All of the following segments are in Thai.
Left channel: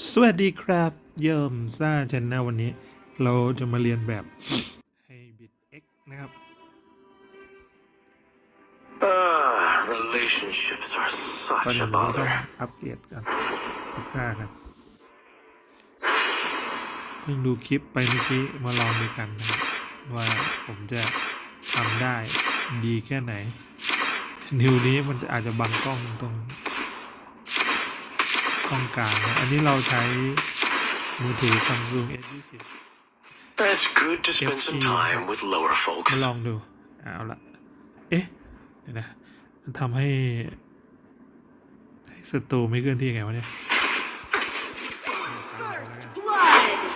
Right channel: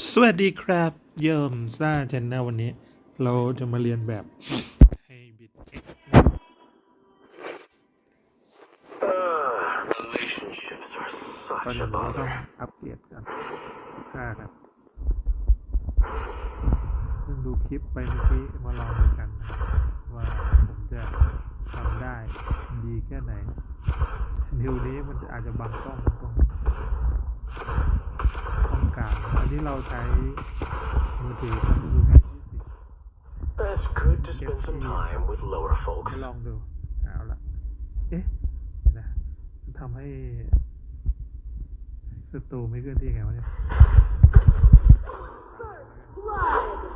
สวัสดีครับ เยิมซ่าชแนลวันนี้ เราจะมาเรียนแบบให้บิดเอ็กนะครับ Relationships are ก่อน such อื่ a นเราก็ต้อง bother. อัปเกรดกันพิก้ากันเพิ่งดูคลิปไปเมื่อกี้มาลองดูกันนะครับว่าผมจะทำได้ดีแค่ไหน นิวนี้มันอาจจะบังกล้องตรง กล้องกลางนะอันนี้เราใช้มือถือ Samsung S20 It's good to spend some FE time with lower มา folks. ลองดู เอาละเอ๊ะเดี๋ยวนะมันทำให้ให้ศัตรูไม่เคลื่อนที่ไงวะเนี่ย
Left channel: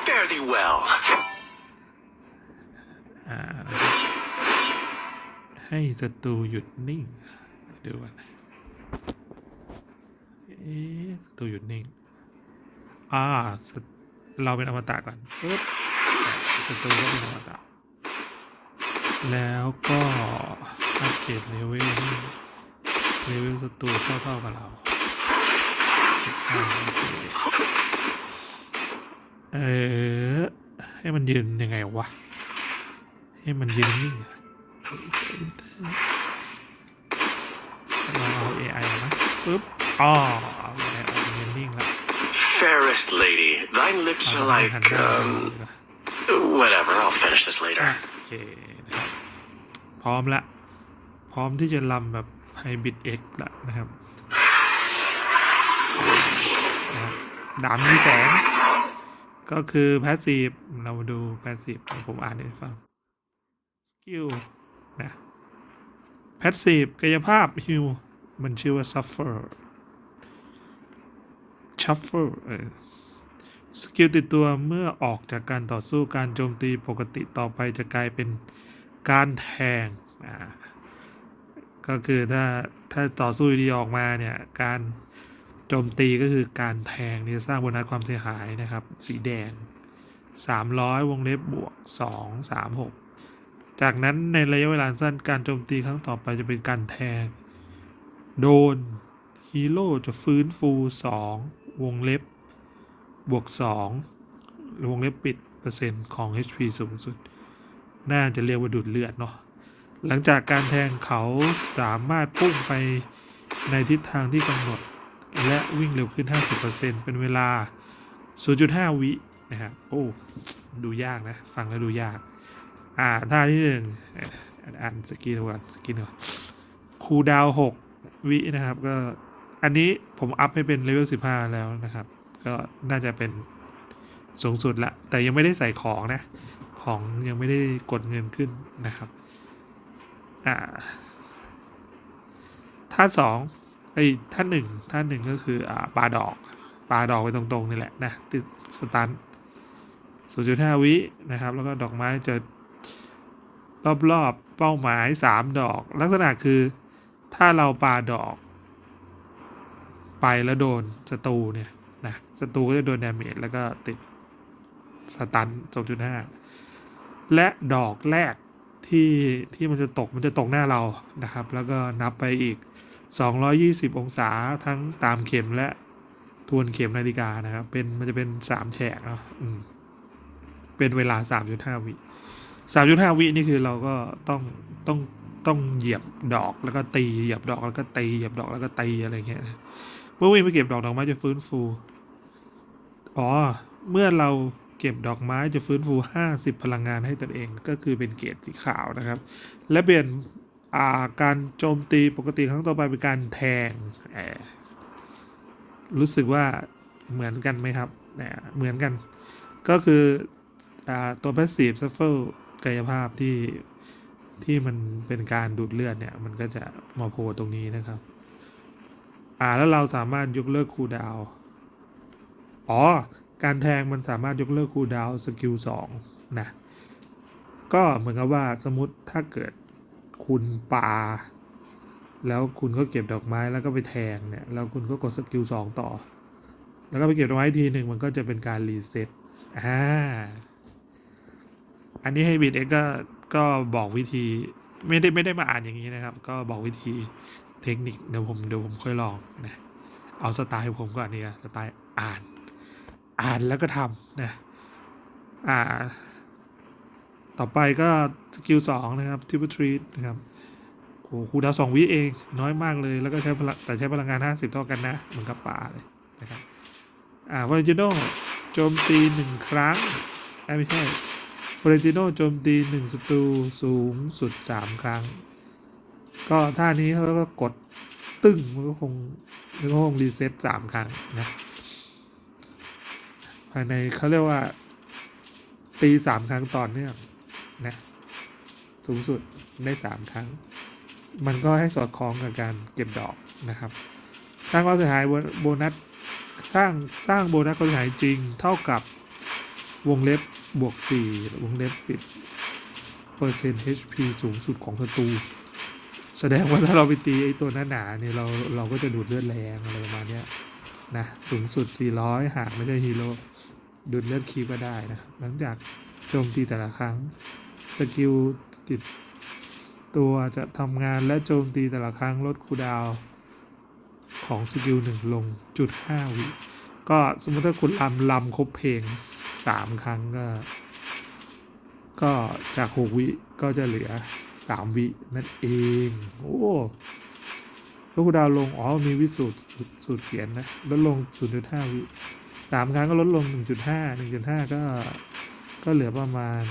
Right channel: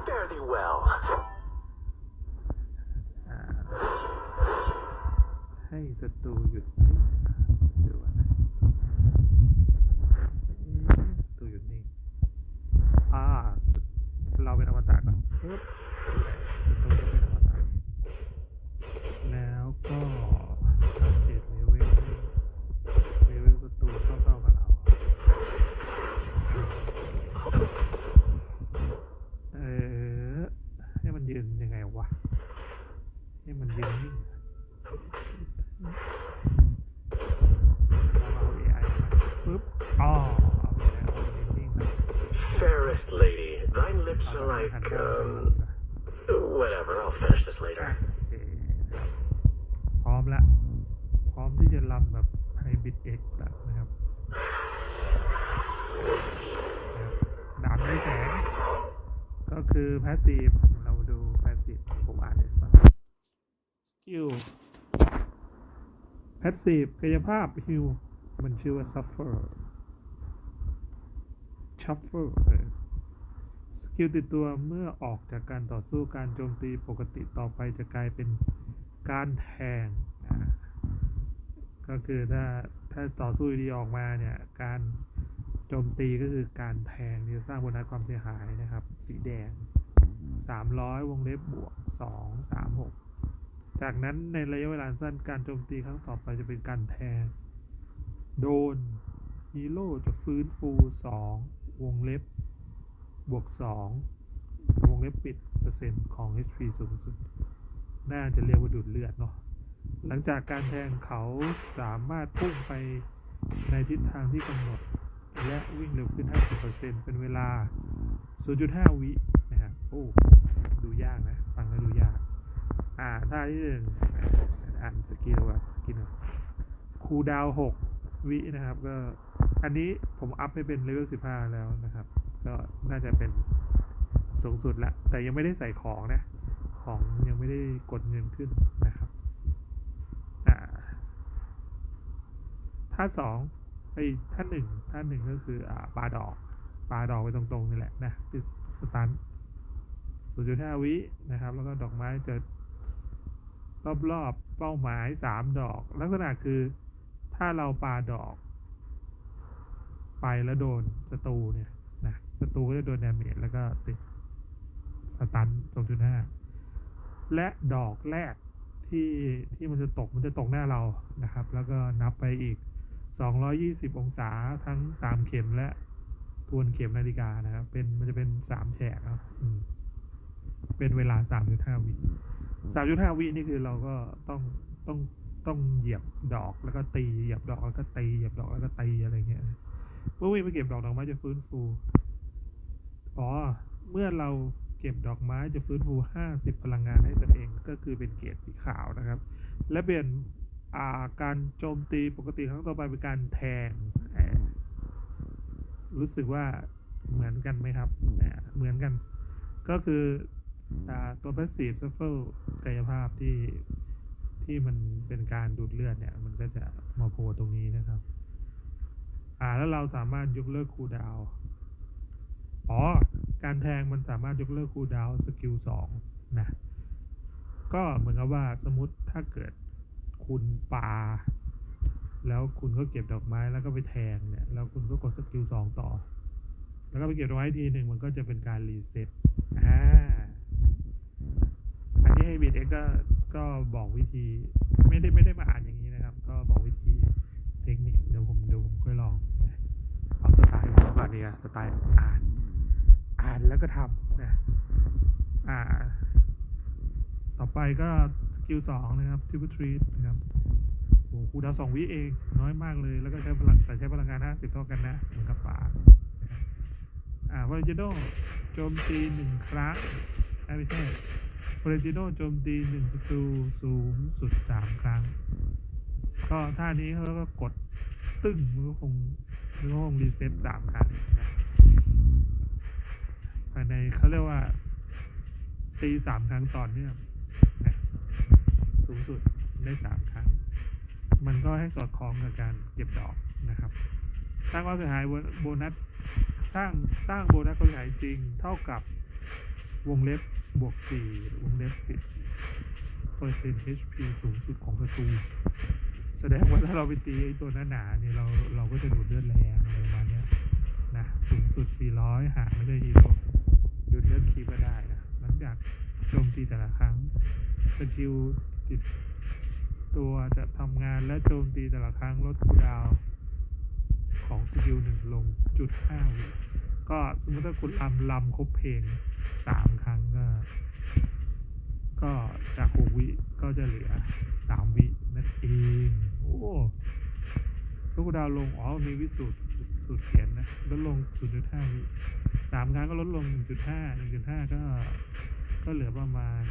Fare thee well. อ่าให้ศัตรูหยุดนิ่งดูก่อนนะเอ๊ะศัตรูหยุดนิ่ง อ่าเราเป็นอมตะก่อนปึ๊บศัตรูก็เป็นอมตะแล้วก็อัปเกรดเลเวลเลเวลศัตรูเท่าๆกับเราเออให้มันยืนยังไงวะ ให้มันยืนนิ่งเราเอา AI มาปึ๊บอ๋อ Fairest lady, thy lips เอา are ไป like หันหน้า um, ดูดีกว่า whatever. I'll finish this อะ later. โอเคนะครับพร้อมละ พร้อมที่จะลำแบบไฮบริดเอ็กซ์ละนะครับนะครับดามมีแสงก็คือพาสซีฟเรามาดูพาสซีฟผมอ่านให้ฟังสกิลพาสซีฟกายภาพฮิวมันชื่อว่า suffer shuffle เออสกิลติดตัวเมื่อออกจากการต่อสู้การโจมตีปกติต่อไปจะกลายเป็นการแทง ก็คือถ้าถ้าต่อสู้ดีออกมาเนี่ย การโจมตีก็คือการแทงนี่จะสร้างโบนัสความเสียหายนะครับ สีแดง 300 วงเล็บบวก 2 3 6 จากนั้นในระยะเวลาสั้นการโจมตีครั้งต่อไปจะเป็นการแทง โดนฮีโร่จะฟื้นฟู 2 วงเล็บบวกสองวงเล็บปิดเปอร์เซ็นต์ของ HP สูงสุด น่าจะเรียกว่าดูดเลือดเนาะหลังจากการแทงเขาสามารถพุ่งไปในทิศทางที่กำหนด และวิ่งเร็วขึ้น 50%เป็นเวลา 0.5 วินะครับโอ้ ดูยากนะ ฟังแล้วดูยาก อ่าท่าที่หนึ่งอ่านสกิลก่อนสกิลก่อนคูดาว 6 วินะครับก็ อันนี้ผมอัพให้เป็นเลเวล15 แล้วนะครับ ก็น่าจะเป็นสูงสุดละ แต่ยังไม่ได้ใส่ของนะ ของยังไม่ได้กดเงินขึ้นนะครับ อ่า ท่าสองไอ้ยท่าหนึ่งท่าหนึ่งก็คืออ่าปลาดอกปลาดอกไปตรงๆนี่แหละนะติดสตัน0.5วินะครับ แล้วก็ดอกไม้จะรอบๆเป้าหมาย3ดอก ลักษณะคือถ้าเราปาดอก ไปแล้วโดนศัตรูเนี่ยนะศัตรูก็จะโดนดาเมจแล้วก็ติดสตัน2.5และดอกแรกที่ที่มันจะตกมันจะตกหน้าเรานะครับ แล้วก็นับไปอีก 220 องศาทั้งตามเข็มและทวนเข็มนาฬิกานะครับ เป็นมันจะเป็น 3 แฉกเนาะอืมเป็นเวลา 3.5 วิ 3.5 วินี่คือเราก็ต้องต้องต้องเหยียบดอกแล้วก็ตีเหยียบดอกแล้วก็ตีเหยียบดอกแล้วก็ตีอะไรเงี้ย เมื่อวิ่งไปเก็บดอกดอกไม้จะฟื้นฟู อ๋อ เมื่อเราเก็บดอกไม้จะฟื้นฟู 50 พลังงานให้ตนเองก็คือเป็นเกรดสีขาวนะครับ และเปลี่ยนาการโจมตีปกติครั้งต่อไปเป็นการแทง รู้สึกว่าเหมือนกันไหมครับเนี่ยเหมือนกัน ก็คืออตัว passive shuffle กายภาพที่ที่มันเป็นการดูดเลือดเนี่ย มันก็จะมาโผล่ตรงนี้นะครับ อ่าแล้วเราสามารถยกเลิกคูดาวอ๋อ การแทงมันสามารถยกเลิกคูดาวสกิลสองนะ ก็เหมือนกับว่าสมมติถ้าเกิดคุณปา แล้วคุณก็เก็บดอกไม้แล้วก็ไปแทงเนี่ย แล้วคุณก็กดสกิลสองต่อ แล้วก็ไปเก็บดอกไม้ทีหนึ่งมันก็จะเป็นการรีเซ็ตอ่า อันนี้ให้บิดเอ็กก็ก็บอกวิธี ไม่ได้ไม่ได้มาอ่านอย่างนี้นะครับ ก็บอกวิธี เทคนิคเดี๋ยวผมเดี๋ยวผมค่อยลองนะเอาสไตล์ผมก่อนดีกว่าสไตล์อ่าน อ่านแล้วก็ทำนะอ่า ต่อไปก็สกิลสองนะครับทิปทรีนะครับโอ้โหคูดาวสองวิเองน้อยมากเลยแล้วก็ใช้พลังแต่ใช้พลังงาน 50 เท่ากันนะ เหมือนกับป่าเลยนะครับอ่าฟอเรนติโนโจมตีหนึ่งครั้งไม่ใช่ฟอเรนติโนโจมตีหนึ่งศัตรูสูงสุดสามครั้ง ก็ท่านี้เขาก็กดตึ้งมันก็คงมันก็คงรีเซ็ตสามครั้งนะภายในเขาเรียกว่า ตีสามครั้งต่อเนื่องนะสูงสุดได้สามครั้ง มันก็ให้สอดคล้องกับการเก็บดอกนะครับ สร้างความเสียหายโบนัสสร้างสร้างโบนัสความเสียหายจริงเท่ากับวงเล็บบวก4วงเล็บปิดเปอร์เซ็นต์ HP สูงสุดของศัตรู แสดงว่าถ้าเราไปตีไอ้ตัวหนาๆเนี่ยเราเราก็จะดูดเลือดแรงอะไรประมาณเนี้ยนะสูงสุด 400 หากไม่ได้ฮีโร่ดูดเลือดคีก็ได้นะ หลังจากโจมตีแต่ละครั้งสกิลติดตัวจะทำงานและโจมตีแต่ละครั้งลดคูดาวของสกิลหนึ่งลงจุดห้าวิ ก็สมมติถ้าคุณลำลำครบเพลงสามครั้งก็ ก็จากหกวิก็จะเหลือ สามวินั่นเอง โอ้แล้วคุณดาวลง อ๋อ มีวิสูตรสูตรเขียนนะ ลดลง 0.5 วิสามครั้งก็ลดลง 1.5 1.5 ก็ ก็เหลือประมาณ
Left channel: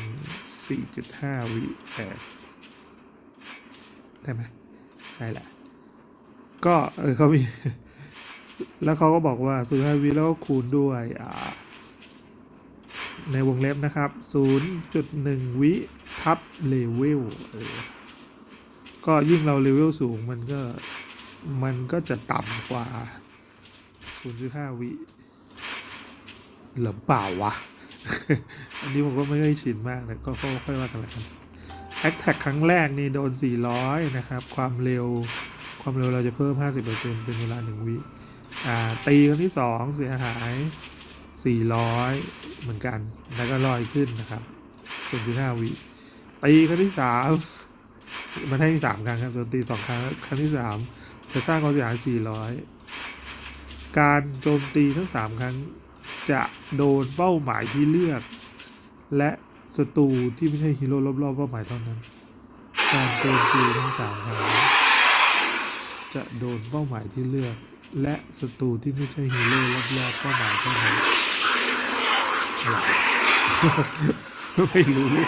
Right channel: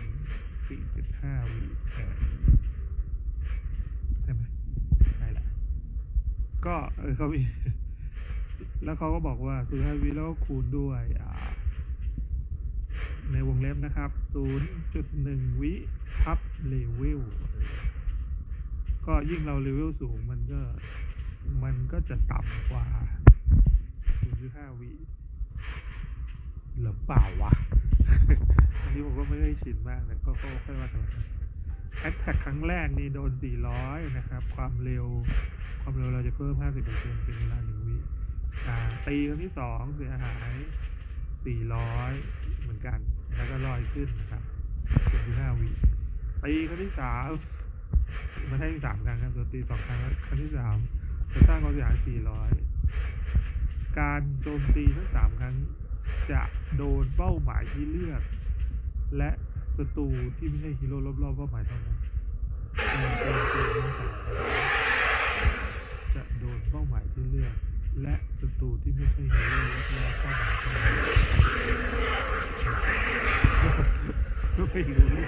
4.5 วิแต่ใช่ไหมใช่แหละ ก็ เออเขามี แล้วเขาก็บอกว่าศูนย์วิแล้วก็คูณด้วย อ่า ในวงเล็บนะครับ 0.1 วิทับเลเวลก็ยิ่งเราเลเวลสูงมันก็ มันก็จะต่ำกว่า 0.5 วิหรือเปล่าวะ อันนี้ผมก็ไม่ค่อยชินมากแต่ก็ก็ค่อยว่ากันละกันแอคแท็กครั้งแรกนี่โดน 400 นะครับ ความเร็ว ความเร็วเราจะเพิ่ม 50%เป็นเวลา 1 วิ อ่า ตีครั้งที่ 2 เสียหาย 400 เหมือนกัน แล้วก็ลอยขึ้นนะครับ0.5วิตีครั้งที่ 3 มันให้สามครั้งครับโจมตีสองครั้งครั้งที่ 3 จะสร้างความเสียหาย 400 การโจมตีทั้ง 3 ครั้งจะโดนเป้าหมายที่เลือก และศัตรูที่ไม่ใช่ฮีโร่รอบๆเป้าหมายเท่านั้น การโจมตีทั้งสามครั้งจะโดนเป้าหมายที่เลือก และศัตรูที่ไม่ใช่ฮีโร่รอบๆเป้าหมายเท่านั้นอะไรไม่รู้เลย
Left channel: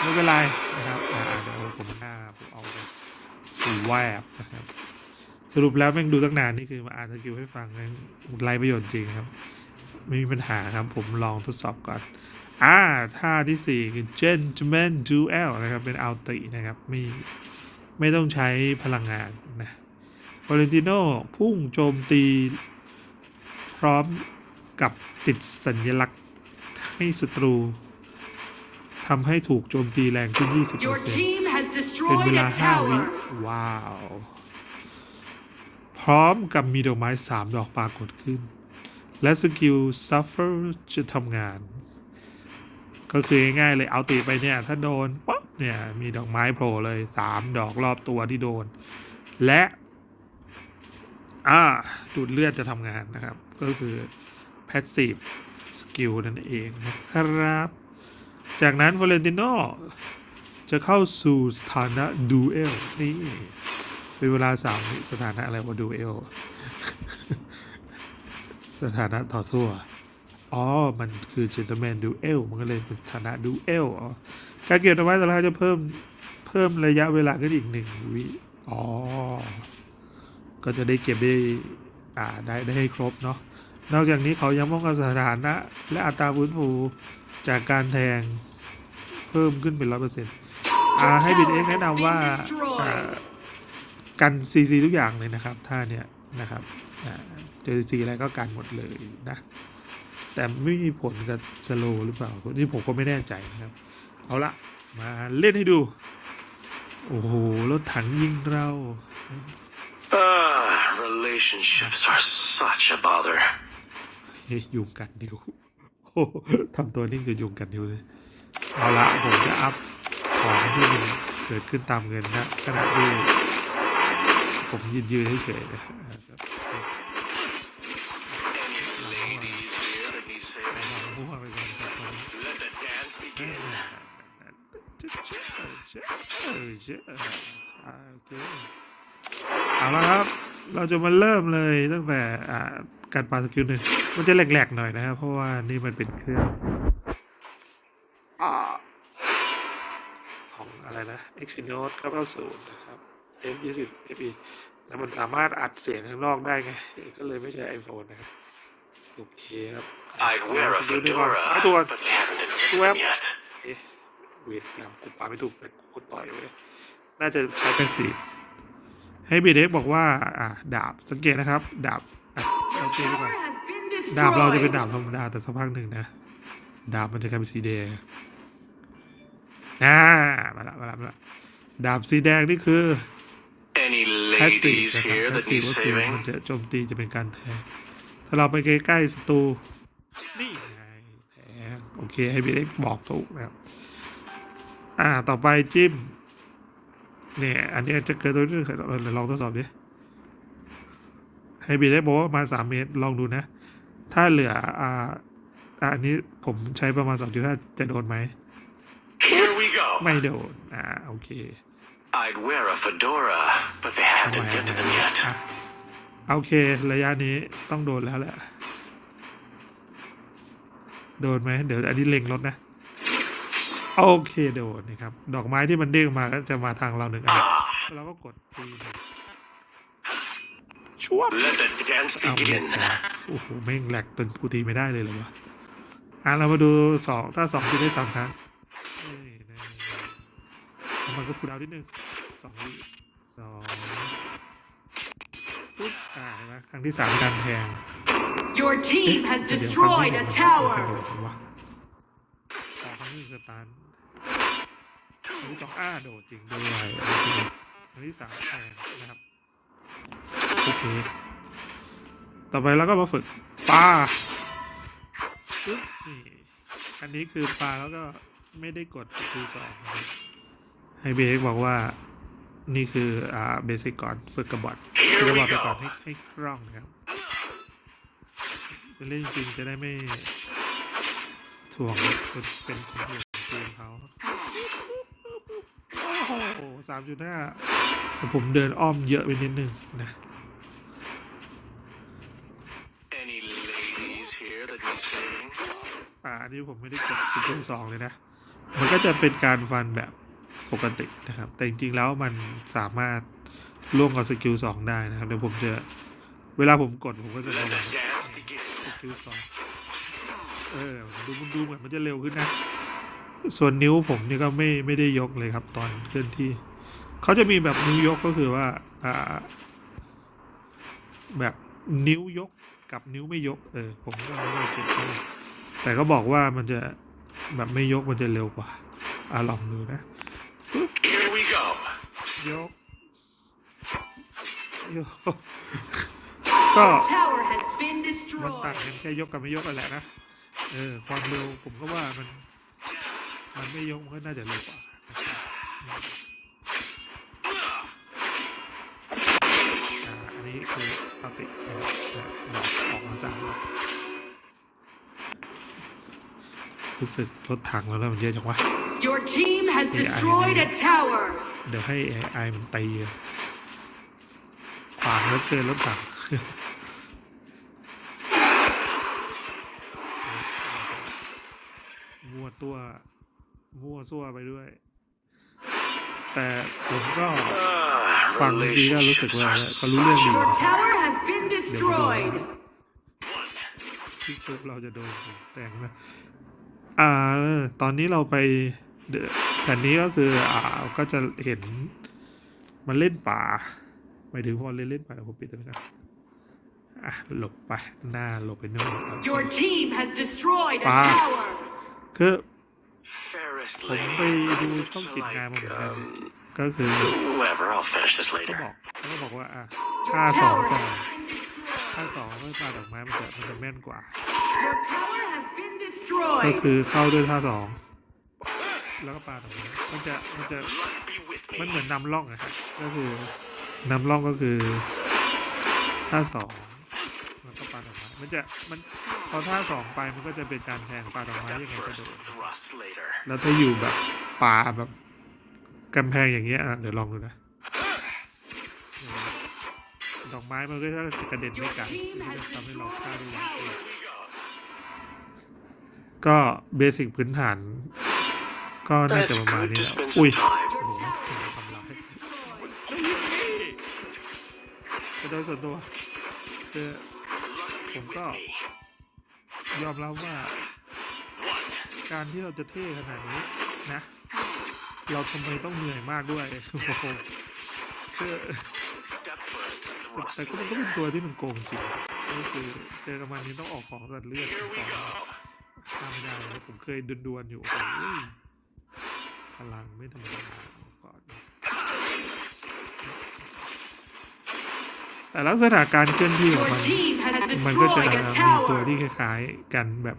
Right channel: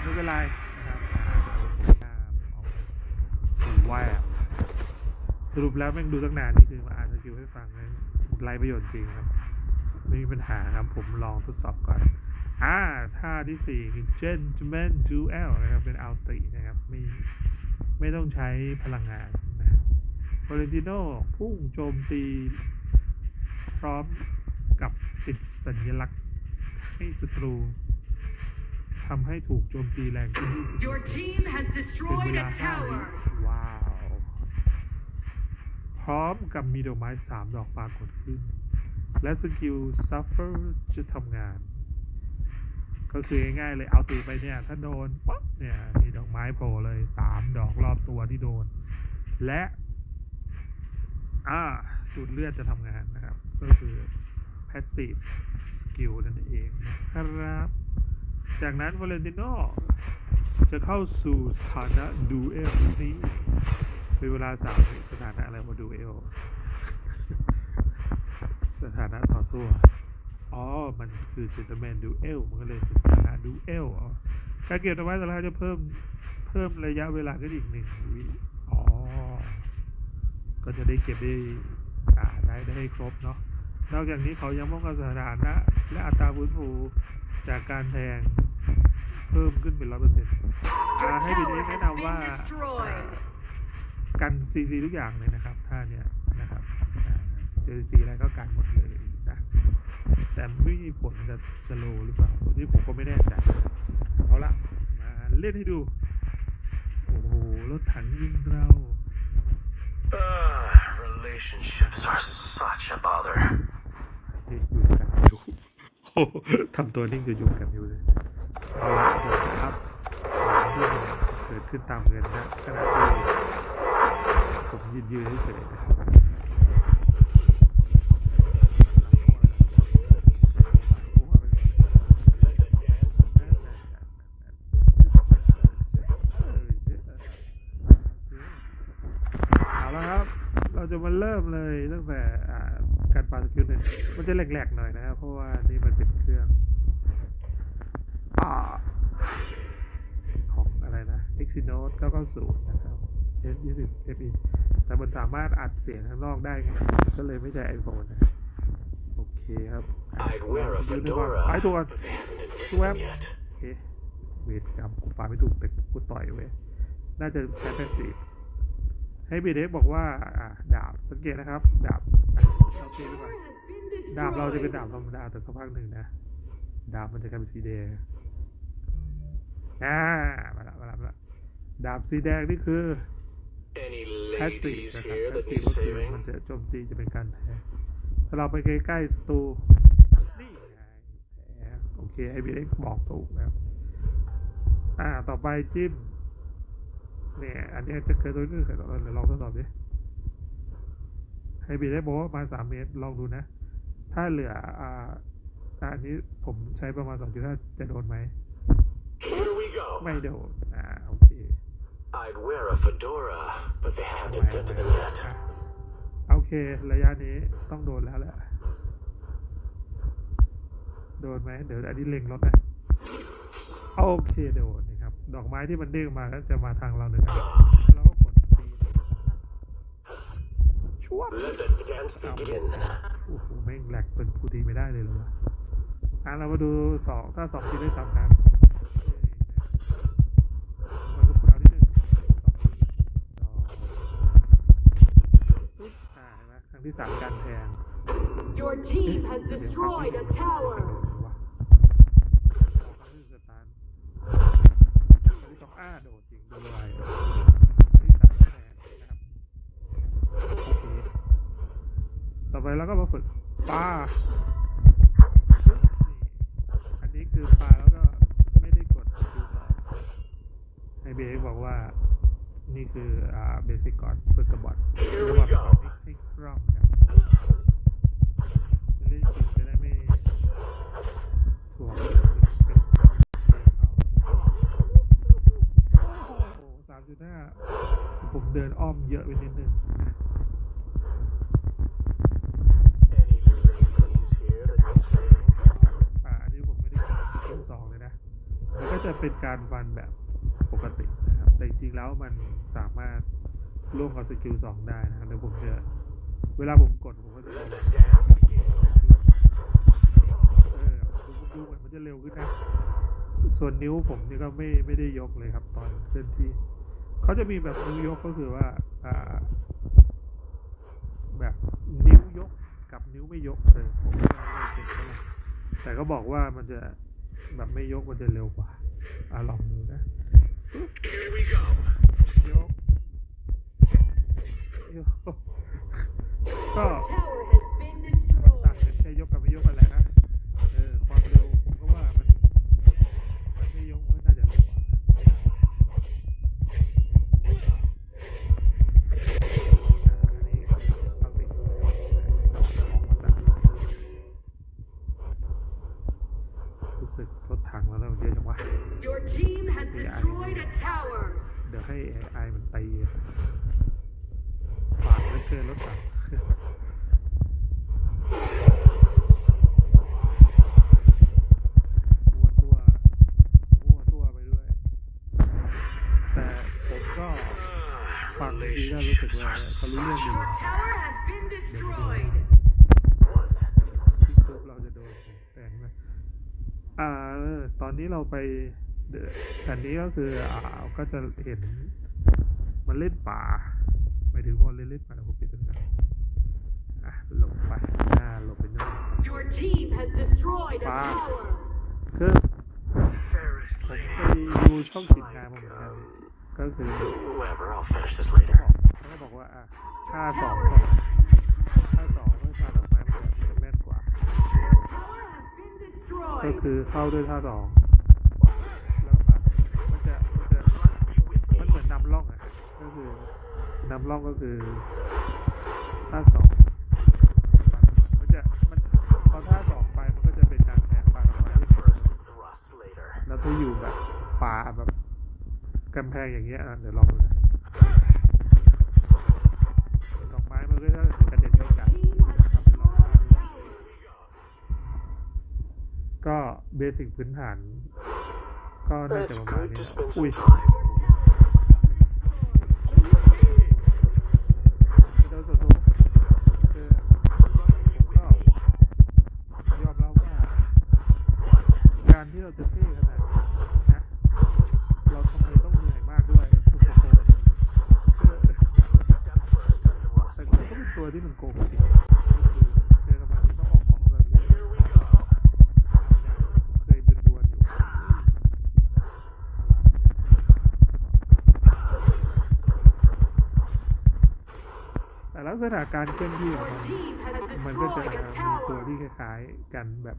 ไม่เป็นไรนะครับเดี๋ยวผมหน้าผมเอาไปูแวบสรุปแล้วแม่งดูตั้งนานนี่คือมาอ่านสกิลให้ฟังนะไรประโยชน์จริงครับ ไม่มีปัญหาครับผมลองทดสอบก่อนอ่าท่าที่สี่คือ gentleman duel นะครับ เป็นอัลตินะครับ ไม่ ไม่ต้องใช้พลังงานนะ ฟอเรนติโนพุ่งโจมตีพร้อมกับติดสัญลักษณ์ให้ศัตรูทำให้ถูกโจมตีแรงขึ้น 20% Your team has เป็น destroyed เวลา a 5วิ tower. ว้าว พร้อมกับมีดอกไม้ 3 ดอกปรากฏขึ้น และสกิล suffer จะทำงาน ก็คือง่ายๆเลยเอาตีไปเนี่ย ถ้าโดนป๊บเนี่ย มีดอกไม้โผล่เลย 3 ดอกรอบตัวที่โดน และ อ่าดูดเลือดจะทำงานนะครับ ก็คือ passive skill นั่นเองนะครับ จากนั้นฟ o เรนติโนจะเข้าสู่สถานะดูเอลนี่เป็นเวลาสามวิสถานะอะไรว่าดูเอลสถานะต่อสู้อ๋อ มันคือ gentleman duel มันก็เลยเป็นสถานะ duel อ๋อการเก็บดอกไม้แต่ละครั้งจะเพิ่ม เพิ่มระยะเวลาขึ้นอีกหนึ่งวิ อ๋อ ก็จะได้เก็บได้อ่าได้ได้ให้ครบเนาะนอกจากนี้เขายังป้องกันสถานะ และอัตราฟื้นฟูจากการแทงเพิ่มขึ้นเป็นร้อยเปอร์เซ็นต์อ่าให้บิดเองแนะนำว่าอ่ากันซีซีทุกอย่างเลยนะครับท่าเนี้ยนะครับอ่าเจอซีอะไรก็กันหมดเลยนะแต่ไม่มีผลกับสโลหรือเปล่านี่ผมก็ไม่แน่ใจนะครับ เอาละมาเล่นให้ดู โอ้โหรถถังยิงเรา Ah, relationships are such a bother. อยู่กัดอยู่โอ้ทำตัวนิ่งจะอยู่กัดอยู่เลยเอาละผมจะอัพของที่มันเกิดขึ้นตามเงินนะขณะที่ผมยืนยืนเฉยๆ จะมาเริ่มเลยตั้งแต่การปาสกิลหนึ่งมันจะแหลกๆหน่อยนะครับเพราะว่านี่มันเป็นเครื่องของอะไรนะ Exynos 990นะครับ F20 FE แต่มันสามารถอัดเสียงข้างนอกได้ไง ก็เลยไม่ใช่ iPhone นะโอเคครับดูนี่ก่อน fedora, หายตัวก่อน but they haven't Two informed app. yet. เอ๊ะเวทกรรมกูปาไม่ถูกแต่กูต่อยเลยน่าจะใช้เป็นสี ให้บีเด็กบอกว่าอ่าดาบสังเกตนะครับดาบอะโอเคดีกว่า has been ดาบเราจะเป็น destroyed. ดาบธรรมดาแต่สักพักหนึ่งนะ ดาบมันจะกลายเป็นสีแดงอ่ามาละมาละมาละดาบสีแดงนี่คือ Any แพสซีฟ ladies นะครับ here แพส that ซีฟ need ก็คือ saving? มันจะโจมตีจะเป็นการแทงถ้าเราไปใกล้ๆศัตรูนี่ไงแทงโอเคให้บีเด็กบอกถูกนะครับอ่าต่อไปจิ้ม เนี่ยอันนี้จะเกิดตัวนี้เคยลองลองทดสอบดิให้บีได้บอกว่าประมาณสามเมตรลองดูนะ ถ้าเหลืออ่าอ่าอันนี้ผมใช้ประมาณสองจุดห้าจะโดนไหม Here we go. ไม่โดนอ่าโอเค I'd wear a fedora, but they ทำ haven't ไม invented them yet. อะโอเค ระยะนี้ต้องโดนแล้วแหละ โดนไหมเดี๋ยวอันนี้เล็งรถนะ โอเคโดนนะครับ ดอกไม้ที่มันเด้งมาก็จะมาทางเราหนึ่งอันเราก็กดตีช่วบ Let the dance เอาเล่น begin. นะโอ้โหแม่งแหลกจนกูตีไม่ได้เลยเหรอวะอะเรามาดูสองถ้าสองจะได้สามครั้งนี่ได้แล้วมันก็คูลดาวน์นิดนึงสองวิสองปุ๊บอ่าเห็นไหมครั้งที่สามการแทง Your team has เดี๋ยว destroyed ครั้ a งที่หนึ่งมันกระ tower. โดดวะออกครั้งที่สตาร์ทครั้งที่ สองอ้าโดดจริงด้วยครั้งที่สามแทงนะครับโอเคต่อไปเราก็มาฝึกปลาปึ๊บนี่อันนี้คือปลาแล้วก็ไม่ได้กดคือสองให้เบรกบอกว่านี่คืออ่าเบสิกก่อนฝึกกระบอกฝึกกระบอกไปก่อนให้ให้คล่องนะครับเล่นจริงจะได้ไม่ถ่วงเป็น สามจุดห้าผมเดินอ้อมเยอะไปนิดนึงนะ Any ladies here that need saving? อ่าอันนี้ผมไม่ได้กดสกิลสองเลยนะ มันก็จะเป็นการฟันแบบปกตินะครับ แต่จริงๆแล้วมันสามารถล่วงกับสกิลสองได้นะครับ เดี๋ยวผมจะเวลาผมกดผมก็จะระวัง Dance begin. สกิลสองเออดูมันดูเหมือนมันจะเร็วขึ้นนะ ส่วนนิ้วผมนี่ก็ไม่ไม่ได้ยกเลยครับตอนเคลื่อนที่ เขาจะมีแบบนิ้วยกก็คือว่าอ่าแบบนิ้วยกกับนิ้วไม่ยกเออผมก็ไม่ได้เก็บไว้แต่ก็บอกว่ามันจะแบบไม่ยกมันจะเร็วกว่าอ่าลองดูนะ Here we go. ยกยกก็ Tower has been ต่าง destroyed. กันแค่ยกกับไม่ยกกันแหละนะเออความเร็วผมก็ว่ามันมันไม่ยกมันก็น่าจะเร็วกว่าอ่า ถถังแล้วนะมันเยอะจังวะ Your team has Yeah, I destroyed a tower. เดี๋ยวให้ AI มันตีขวางแล้วเกินรถถังมั่วตัวมั่วซั่วไปด้วย แต่ผมก็ Ah, ฟังดีก็รู้สึก relationships ว่า are ก็รู้เรื่อง such ดี Your tower has been destroyed. ที่ซุปเราจะโดนแต่งนะ อ่าเออตอนนี้เราไปเดอะแผ่นนี้ก็คืออ่าก็จะเห็นมันเล่นป่าหมายถึงพอเล่นเล่นป่าเดี๋ยวผมปิดตัวนี้กันอะหลบไปหน้าหลบไปนู่นครับ Your team has destroyed a Wow. tower. คือ Fairest ผมไป lady. ดูช่อง Looks กิจงาน like, มาเหมือนกัน um, ก็คือ whoever. I'll finish this เขา later. บอกเขาก็บอกว่าอะค่า Your สอง tower ก่อน has been destroyed. ค่าสองเมื่อมาดอกไม้ มันจะมันจะแม่นกว่า Your tower has been ก็ destroyed. คือเข้าด้วยท่าสองแล้วก็ปาดอกไม้มันจะมันจะ Be with มัน me. เหมือนนำร่องอะครับก็คือนำร่องก็คือท่าสองแล้วก็ปาดอกไม้มันจะมันพอท่าสองไปมันก็จะเป็นการแทงปาดอกไม้ยังไงก็โดน Thrusts later. แล้วถ้าอยู่แบบป่าแบบกำแพงอย่างเงี้ยอะเดี๋ยวลองดูนะมันก็จะกระเด็นไม่ Your ไกล ก็เบสิกพื้นฐาน ก็น่าจะ It's ประมาณ good นี้ to แหละ spend อุ้ย some time. Your tower has been destroyed. แต่โดยส่วนตัวคือผมก็ยอมรับว่า การที่เราจะเท่ขนาดนี้นะ เราทำไมต้องเหนื่อยมากด้วยโอ้โหคือแต่มันก็เป็นตัวที่มันโกงจริงก็คือเจอกับมันนี้ต้องออกของตัดเลือด แต่ลักษณะการเคลื่อนที่ของมัน มันก็จะมีตัวที่คล้ายๆกันแบบ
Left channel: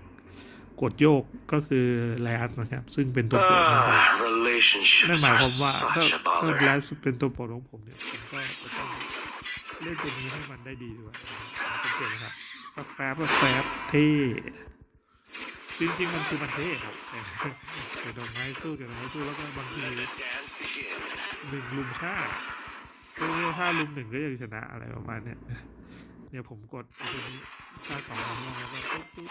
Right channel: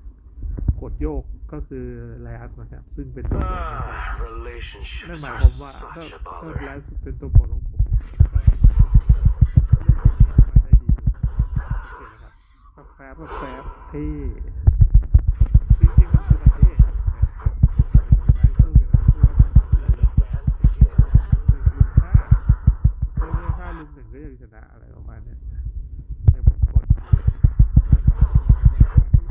กดโยกก็คือแลสนะครับ ซึ่งเป็นตัวโปรดของผมนั่นหมายความว่าถ้าถ้าแลสเป็นตัวโปรดของผมเนี่ยก็เล่นตัวนี้ให้มันได้ดีด้วยสังเกตนะครับแฟบแฟบเท่จริงๆมันคือมันเท่ครับ เรื่อยๆห้าลุมหนึ่งก็ยังชนะอะไรประมาณเนี้ยเนี่ยผมกดห้าสองสามลองแล้วก็ปุ๊บ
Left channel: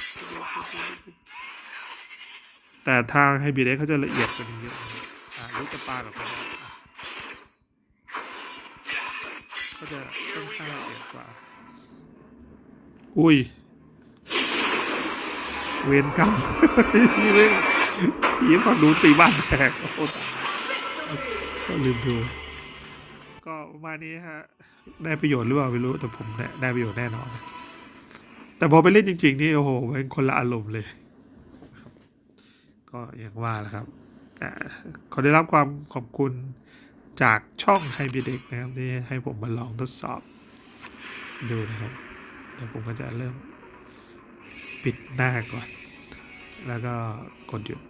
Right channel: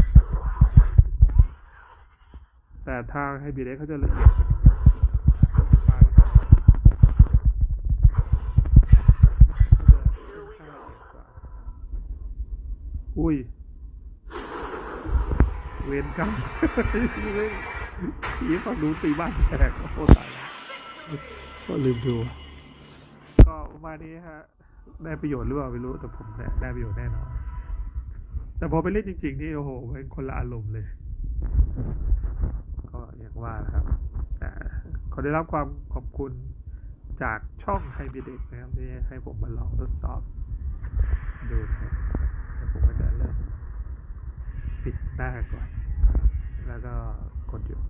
แต่ทางไฮบีเดเขาจะละเอียดกว่านี้เยอะอ่าลูกจะปาแบบนี้ก็จะค่อนข้างละเอียดกว่า อุ้ย เวรกรรมนี่เรื่องผีฝั่งนู้นตีบ้านแตกโอ้ตายก็ลืมดู ก็ประมาณนี้ฮะ ได้ประโยชน์หรือเปล่าไม่รู้แต่ผมเนี่ยได้ประโยชน์แน่นอน แต่พอไปเล่นจริง ๆ นี่โอ้โหเป็นคนละอารมณ์เลย ก็อย่างว่าแหละครับขอได้รับความขอบคุณจากช่องไฮบีเด็กนะครับที่ให้ผมมาลองทดสอบดูนะครับแต่ผมก็จะเริ่มปิดหน้าก่อน แล้วก็กดหยุด